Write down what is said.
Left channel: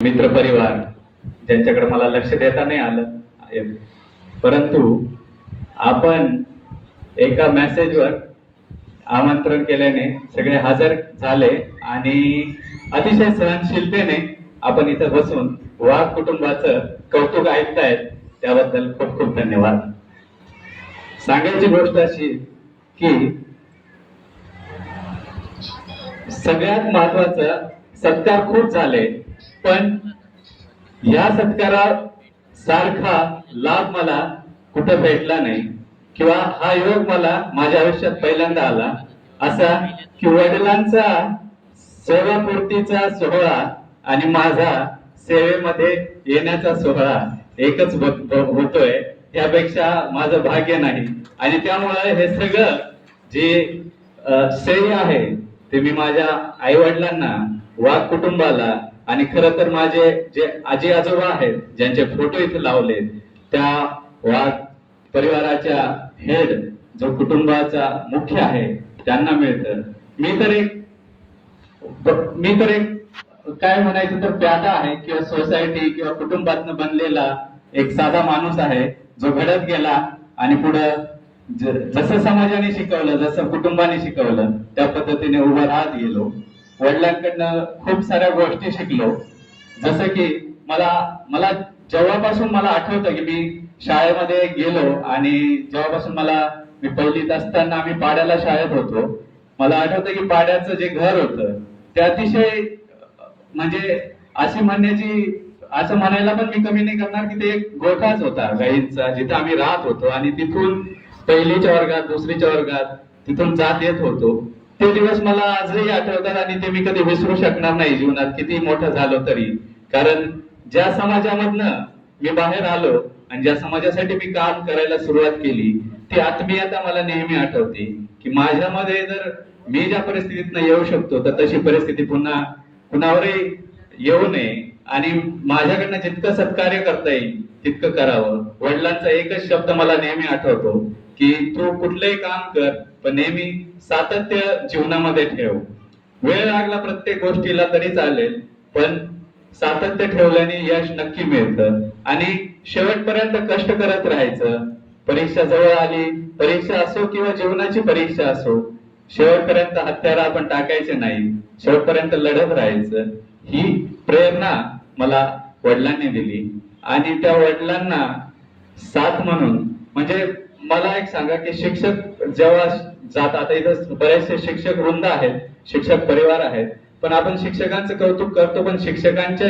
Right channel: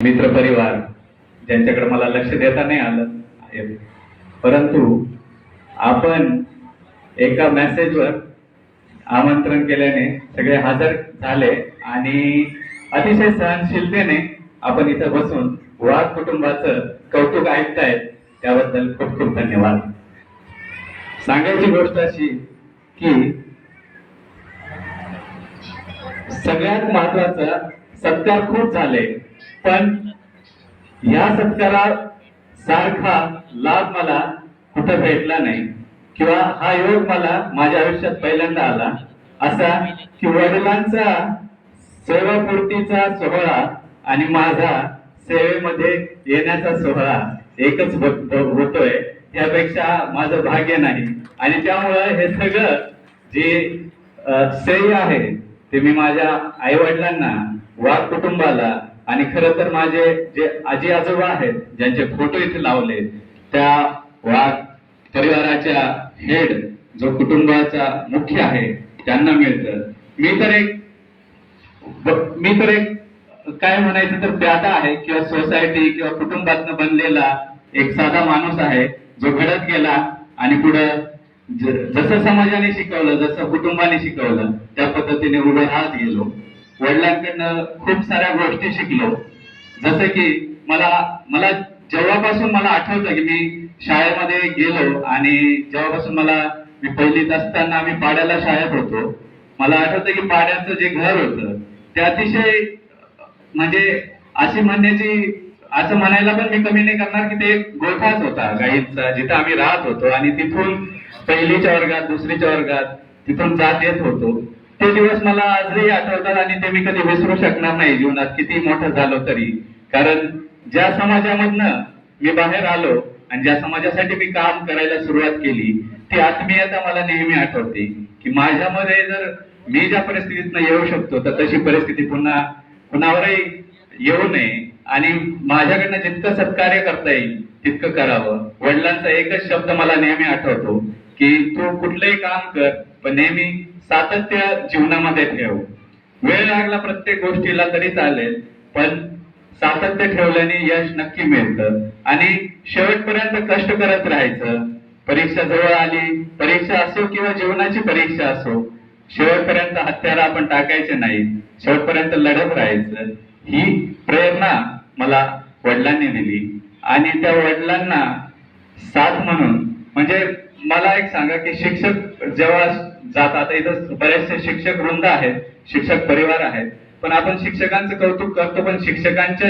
मित्र परिवार ज्यांच्याकडे मला लक्ष देता नाही आलं, परंतु आपण एका मेसेजवर आमंत्रण केल्याने सगळे हजर झाले आणि अतिशय सहनशीलतेने आपण इथं बसून वाघ कुटुंबाचं कौतुक ऐकतायत, त्याबद्दल खूप खूप धन्यवाद. सांगायची गोष्ट अशी की सगळ्यात महत्वाचा सत्कार खूप झाले, पण या सत्कारात सारखा लाभ मला कुठं भेटला नाही किंवा हा योग मला माझ्या आयुष्यात पहिल्यांदा आला असा की वडिलांचा सेवापूर्तीचा सोहळा आणि माझा सेवेमध्ये येण्याचा सोहळा एकच होतोय, त्यापेक्षा माझं भाग्य नाही. आणि त्यामुळे हे सगळं जे श्रेय आहे ते मी माझ्या आई वडिलांना, वाघ कुटुंबाला आणि खरं तर माझे जे आजी आजोबा आहेत ज्यांचे फोटो इथे लावले त्या वाघ परिवाराच्या हेड जो कुटुंबाचा मुख्य आहे त्यांना मिळतं. मी तर एक काय म्हणायचं तर प्यादा आहे किंवा सोसायटी किंवा कुटुंबातनं बनलेला एक साधा माणूस आहे जो घडत गेला आणि पुढं जसं समाजाने शिकवलं, जसं कुटुंबाने शिकवलं त्या पद्धतीने उभं राहत गेलो. वडिलांकडनं खूप साऱ्या गोष्टी शिकलो, जसं की मला जेव्हापासून मला आठवतं की मी शाळेमध्ये गेलो आणि जेव्हापासून मी पहिलीत असताना आम्ही पाड्याला शाळेत होतो. मला आठवतं की पाड्याचं जे घर होतं ते अतिशय म्हणजे असं म्हणायला पण मी कमी नाही करणार की ते एक गोठाच होता गाईंचा, जिथे आम्ही राहत होतो आणि तिथून पहिलीच्या वर्गात, दुसरीच्या वर्गात तिथून जात येत होतो. ते दिवस मला आजही आठवतात आणि ते मी कधी विसरू शकणार नाही जीवनात किती मोठं झालो तरी. कारण ज्या समाजामधनं मी बाहेर आलो आणि ज्या समाजासाठी मी काम करायला सुरुवात केली ती आत्मीयता मला नेहमी आठवते की माझ्यामध्ये जर मी ज्या परिस्थितीतनं येऊ शकतो तर तशी परिस्थिती कुणावरही येऊ नये आणि माझ्याकडनं जितकं सत्कार्य करता येईल तितकं करावं. वडिलांचा एकच शब्द मला नेहमी आठवतो की तू कुठलंही काम कर पण नेहमी सातत्य जीवनामध्ये ठेव. वेळ लागला प्रत्येक गोष्टीला तरी चालेल, पण सातत्य ठेवल्याने यश नक्की मिळतं आणि शेवटपर्यंत कष्ट करत राहायचं. परीक्षा जवळ आली, परीक्षा असो किंवा जीवनाची परीक्षा असो, शेवटपर्यंत हत्यारा आपण टाकायचे नाही, शेवटपर्यंत लढत राहायचं. ही प्रेरणा मला वडिलांनी दिली आणि त्या वडिलांना साथ म्हणून म्हणजे मला एक सांगा की शिक्षक जेव्हा जातात, इथं बरेचसे शिक्षक वृंद आहेत, शिक्षक परिवार आहेत, पण आपण शिक्षकांचं कौतुक करतो पण शिक्षकांच्या